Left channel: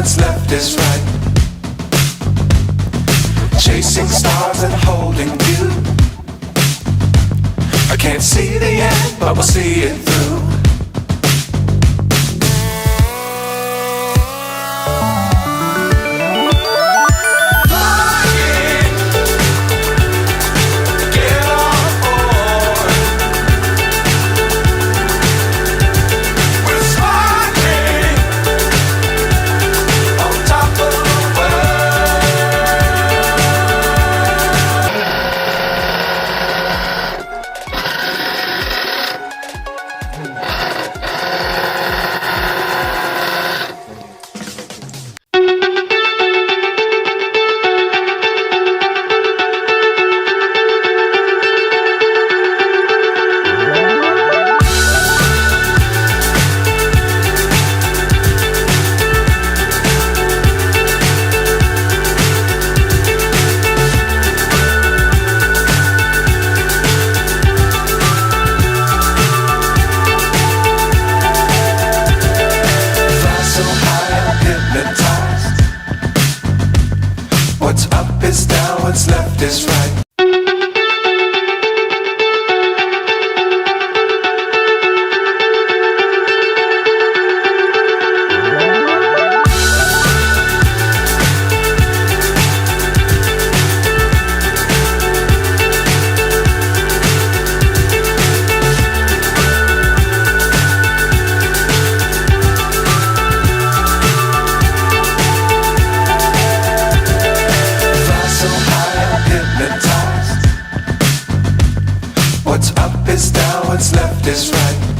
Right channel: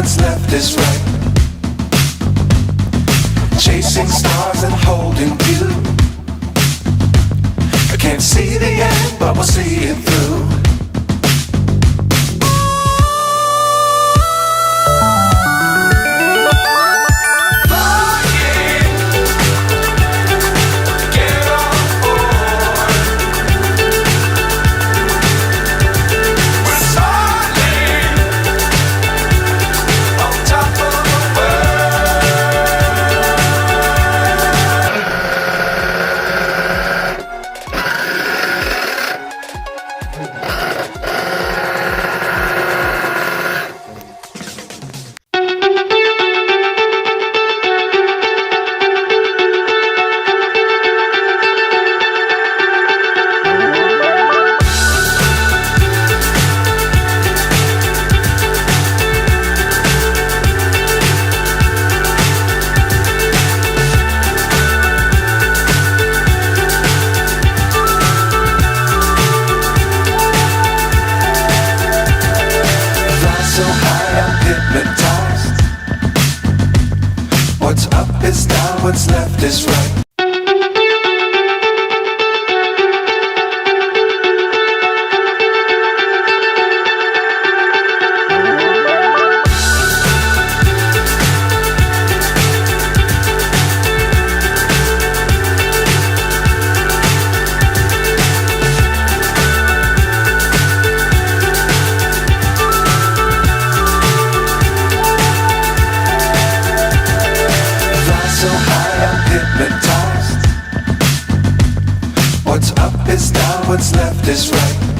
what's left is right. Chasing stars and holding you. I can't see the end, but we'll see it through. So high I'm hypnotized. What's up is down, what's left is right. So high I'm hypnotized. What's up is down, what's left is right.